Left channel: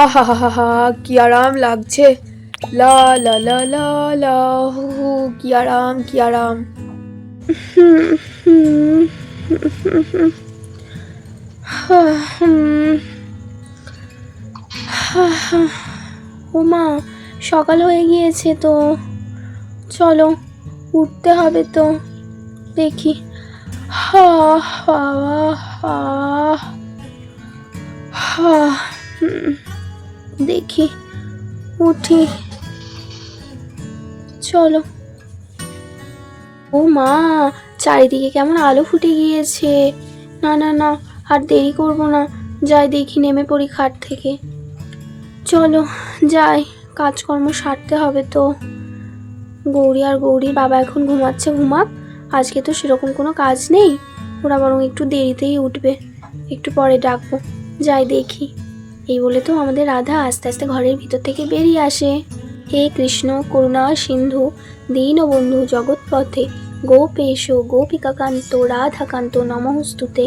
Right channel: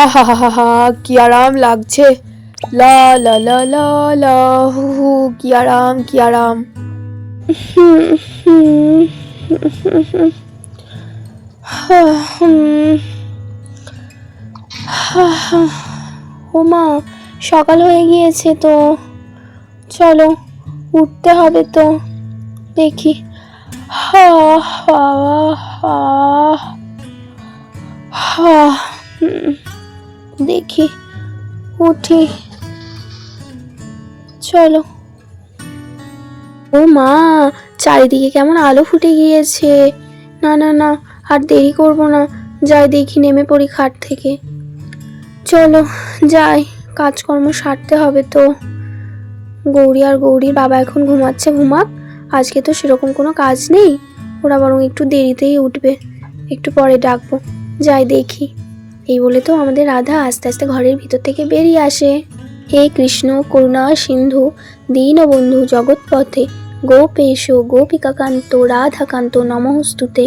হা হা হা হা, কি আরাম লাগছে। লা লা লা লা লা, হু হু, কি আরাম কি আরাম। ও মা, সকাল হয়ে গিয়েছে তো, চলো উঠতে হবে তো। দেখি, হা হা হা হা, দেখি উঠি, চলো। ও মা, চারিদিকে কেমন আলো ফুটে গিয়েছে। না না না, আর দেরি করবো না, যাই দেখি, নেমে পড়ি খাট থেকে। চলো যাই, কাজকর্ম সারতে হবে তো। গৌরী আর গৌরীর বাবা এখন ঘুমাচ্ছে, ঘুমাক, আজকে তো সেরকম কোনো কাজ নেই, ওরা বরং একটু দেরিতেই উঠবে, একটু পরে ডাকবো। যাই দেখি। এই বলে তো আমাদের রাধা আস্তে আস্তে ঘরের ভিতর থেকে বেরিয়ে আসে। হে কৃষ্ণ করুণা সিন্ধু দীনবন্ধু জগৎপথে গোপেশ গোপিকাকান্ত রাধাকান্ত নমস্তুতে,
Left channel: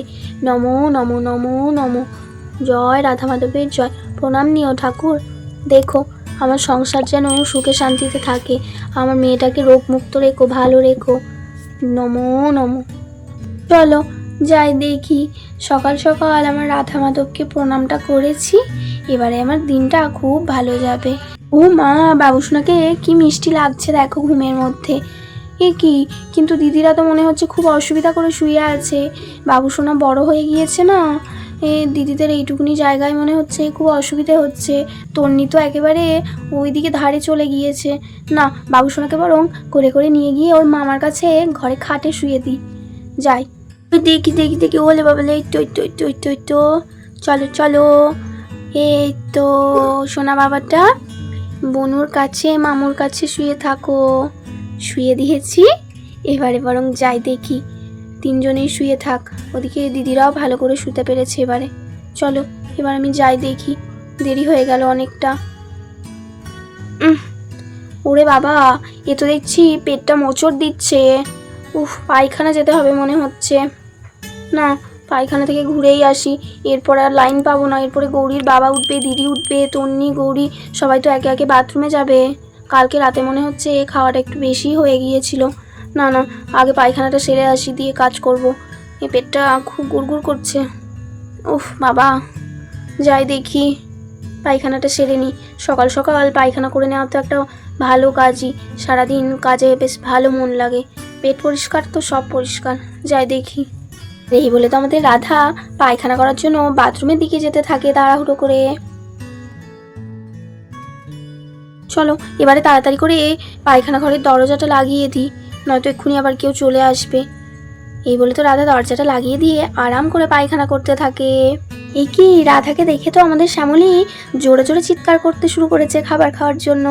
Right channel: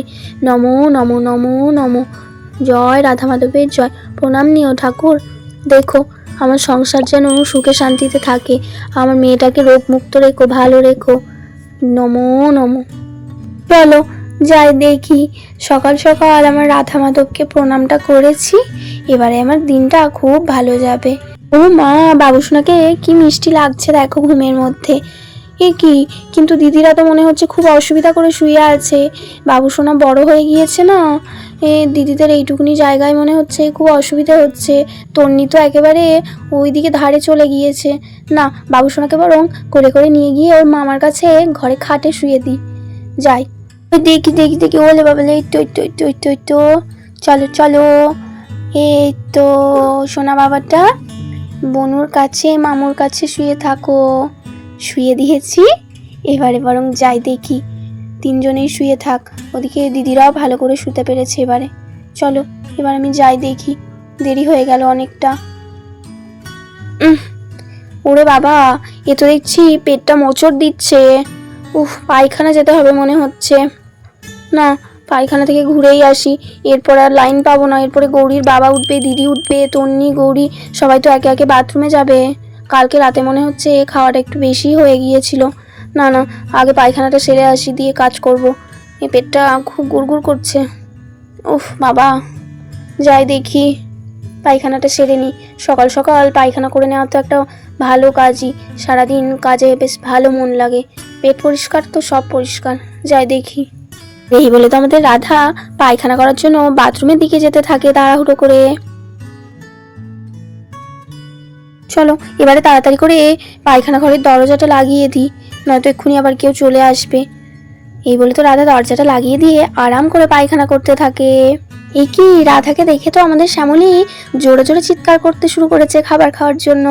নমো নমো নমো নমো। জয় রাধা মাধবের জয়। প্রণাম নিও ঠাকুর। দেখো আমার সংসার যেন সুখে শান্তিতে থাকে, আমার মেয়েটাকে রোগমুক্ত রেখো, ভালো রেখো, নমো নমো। চলো যাই দেখি, সকাল সকাল আমার রাধা মাধবকে প্রণামটা করেছি, এবারে আমার দিনটা খুব ভালো যাবে। ও মা, বাবুসোনাকে কি মিষ্টি লাগছে দেখো ঘুমের মধ্যে। এ কি, কিন্তু দিদিরা তো মনে হচ্ছে খুব অসুবিধা করে শুয়ে আছে। বাবুসোনা বড় হয়ে গিয়েছে না, দিদিদের এইটুকুনি জায়গায় মনে হচ্ছে খুব অসুবিধা হচ্ছে। তন্নি তো একেবারে ওইদিকে ধারে চলে গিয়েছে। না, বাবুসোনাকে বরং করে করে নিয়ে গিয়ে ওর মামার কাছে ঘরে খাটে শুয়ে দিই। যাই দেখি দেখি দেখি, ওলে বাবা, এই তো এই তো এই তো এই তো এই তো, চলো চলো। এই তো সোনা বাবাটা বনুর কাছে মামুর কাছে শুয়ে থাকো। শুয়ে দিয়েছি, এবারে বরং যাই দেখি, তিনজনেই শুয়ে থাক, ওদিকে দিদিরাও ভালো করে শুতে পেরেছে এবারে। চলো এবার আমি যাই দেখি, দেরি হয়ে গেল অনেকটা। ওরে বাবা, এ তো দেখছি পেটটা মোচড় দিচ্ছে। পায়খানা যেতে হবে মনে হচ্ছে। না, পায়খানা থেকে ঘুরেই আসি, এরপর আর লাইন পাবো না। এরপরে গৌরীর বাবা উঠবে, দিদি উঠবে, তন্নি গৌরী সবাই তো একে একে বাথরুমে যাবে। কালকে রাতে মনে হচ্ছে খাওয়াটা একটু বেশি হয়ে গিয়েছিল। না না, আগে পায়খানাটা সেরে আসি, দিয়ে কাজ করব। এই পেটটা খুব গুড়গুড় করছে। বাবা, যাই দেখি, পায়খানাটা সেরে নিই। সকাল সকাল পায়খানা করে নেওয়া তো একটা ভালো কাজই, সারাদিন কাজে বেশ ভালো মন লাগে। পেট পরিষ্কার তো সব পরিষ্কার। যাই দেখি। এই বলে তো আমাদের রাধা পায়খানা করার জন্য বাথরুমের দিকে যেতে থাকে তাড়াহুড়ো করে। চলো এবারে তাড়াতাড়ি করে পায়খানা ঘরের দরজাটা লাগিয়ে দিই, নয়তো এক্ষুনি আবার কেউ চলে আসবে। এই বলে তো রাধা দরজাটা লাগিয়ে দিয়ে আরাম করে পায়খানা করতে থাকে। এই কি, রাধাকে দেখে তো আমাদের শ্যামলী জোরে জোরে চিৎকার করতে শুরু করেছে খাবার খাওয়ার জন্য।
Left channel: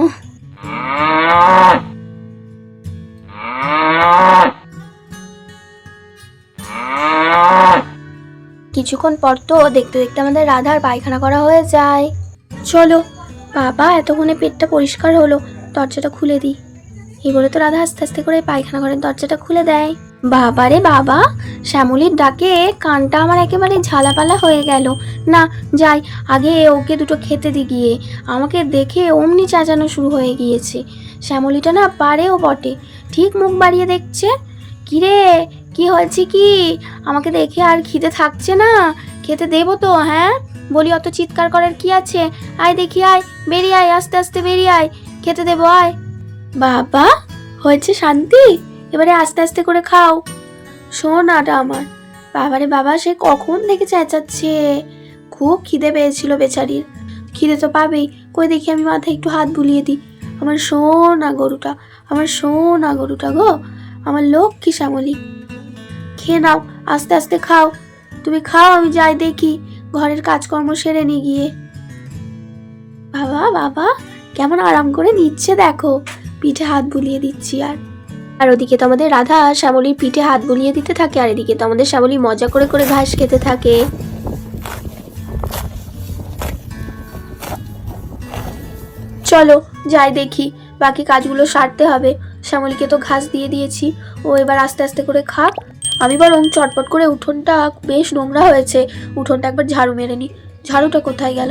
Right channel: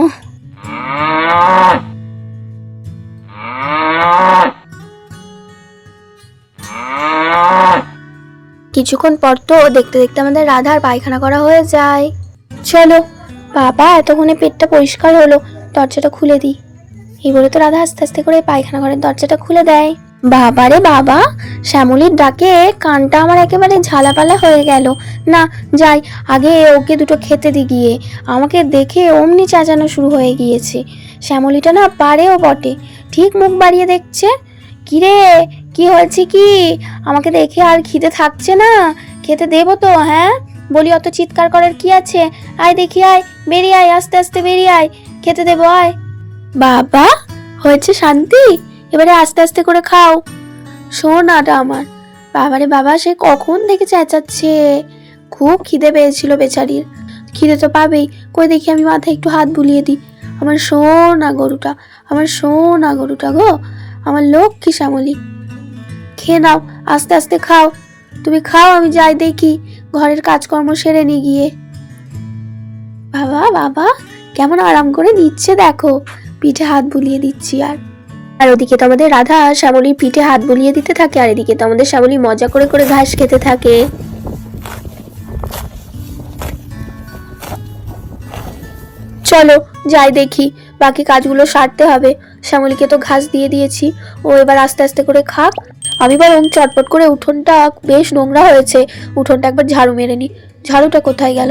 কিছুক্ষণ পর তো দেখতে দেখতে আমাদের রাধার পায়খানা করা হয়ে যায়। চলো বাবা, এতক্ষণে পেটটা পরিষ্কার হলো, দরজাটা খুলে দিই। এই বলে তো রাধা আস্তে আস্তে করে পায়খানা ঘরের দরজাটা খুলে দেয়। বাবা রে বাবা, শ্যামলীর ডাকে কানটা আমার একেবারে ঝালাপালা হয়ে গেল। না, যাই আগে ওকে দুটো খেতে দি গিয়ে। আমাকে দেখে অমনি চেঁচানো শুরু হয়ে গিয়েছে। শ্যামলীটা না পারেও বটে, ঠিক মুখ বাড়িয়ে দেখছে। কিরে, কি হয়েছে কি, আমাকে দেখে আর খিদে থাকছে না? খেতে দেবো তো, হ্যাঁ বলি, অত চিৎকার করার কি আছে? আয় দেখি, আয়, বেরিয়ে আয়, আস্তে আস্তে বেরিয়ে আয়, খেতে দেবো, আয়। বাবা, হয়েছে শান্তি, এবারে আস্তে আস্তে করে খাও। শোনাটা আমার, বাবারে বাবা, সে কখন থেকে চেঁচাচ্ছে। খুব খিদে পেয়েছিল বেচারির। খিদে তো পাবেই, কই দেখি আমি মাথায় একটু হাত বুলিয়ে দিই। আমার সোনা গরুটা, আমার সোনা গরুটা গো, আমার লক্ষ্মী শ্যামলী। খেয়ে নাও, আস্তে আস্তে খাও, তুমি খাও, আমি যাই দেখি, ঘরের কাজকর্ম সেরে নিয়ে গিয়ে। বাবা বাবা, কেমন আরাম করে দিচ্ছে দেখো, পিঠে হাত বুলিয়ে দিচ্ছি। আর ওদিকে তো আমাদের রাধা শ্যামলীর পিঠে হাত বুলিয়ে দিতে থাকে, আর এদিকে তো আমাদের শ্যামলী মজা করে করে ঘাস খেতে থাকে। চলো যাই দেখি, বাকি কাজগুলো সারতে হবে। শ্যামলীকে তো ঘাস দিয়ে দিয়েছি, ও এবার আস্তে আস্তে করে খাক। আমি বরং চটপট করে, উঠোনটা বেশ নোংরা হয়েছে, উঠোনটা একবার ঝাড়ু মেরে নি। ঝাড়ুটা কোথায় গেল?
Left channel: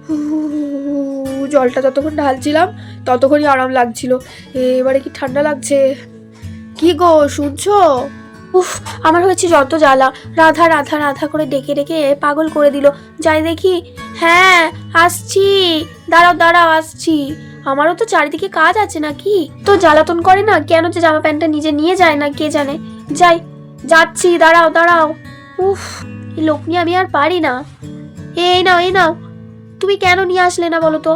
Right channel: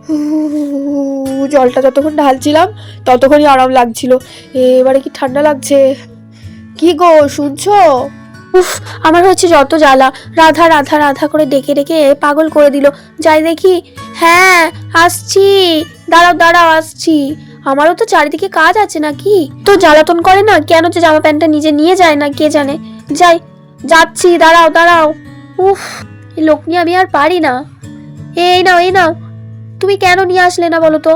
জলটা যতক্ষণ ঢালছিলাম ততক্ষণই আরাম লাগছিল, এবারে কি ঠান্ডা লাগছে। কি গো শুনছো? উফ, আমার হচ্ছে যত জ্বালা। রাধা রাধা রাধা করে ডেকে ডেকে পাগল করে দিল। যাই দেখি। হ্যাঁ, আসছি, দাঁড়াও দাঁড়াও, আসছি। আমারও তো চারিদিকে কাজ আছে নাকি, তো জ্বালাতন করে না কেন যে জামা প্যান্টটা নিজে নিয়ে যায় না কে জানে। যাই, যাচ্ছি, দাঁড়াও দাঁড়াও। উফ, এই লোক নিয়ে আমি আর পারি না। এই নাও এই নাও। তুমি কেন নিয়ে আসলে না বলো তো?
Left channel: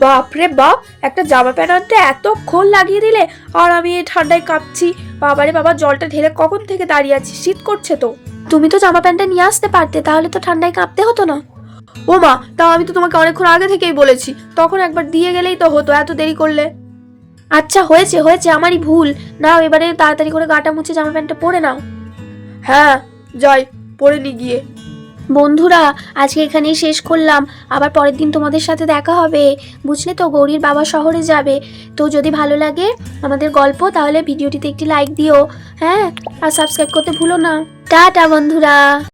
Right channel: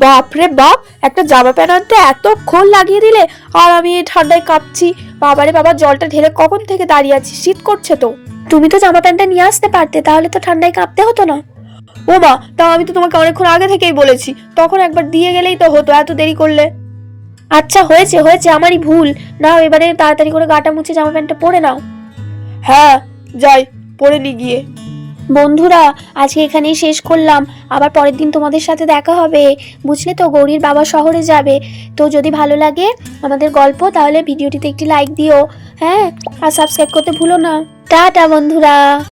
বাপরে বাপ, একটা জামা প্যান্ট আনতে এতক্ষণ লাগিয়ে দিলে, আর আমি এই ঠান্ডায় কাঁপছি। বাবারে বাবা, জলটা ঢেলে কখন থেকে দাঁড়িয়ে আছি, শীত করছে তো। তুমি তো জামা প্যান্টটা নিয়ে আসতে পারতে, তাহলে তো ঠান্ডায় কাঁপতে হতো না। ও মা, তা আমি তো তোমাকে অনেকক্ষণ আগে থেকেই বলেছি, তখন একবার দিয়ে গেলেই তো হতো, এত দেরি করলে। আচ্ছা হয়েছে হয়েছে, আমারই ভুল। নাও এবারে তাড়াতাড়ি করে গাটা মুছে জামা প্যান্টটা পরে নাও। হ্যাঁ যাই, পরে নি গিয়ে। বন্ধুরা, আজকে এখানেই শেষ করলাম। আবার পরের দিন তোমাদের সাথে দেখা হবে, বুঝলে তো? গৌরীর বাবা শহরে যাবে। তো যদি ভালো লাগে আমাদের গল্প, তাহলে ভিডিওটিতে একটি লাইক দিও, হ্যাঁ, আর সাবস্ক্রাইব করতে ভুলো না। টাটা বন্ধুরা।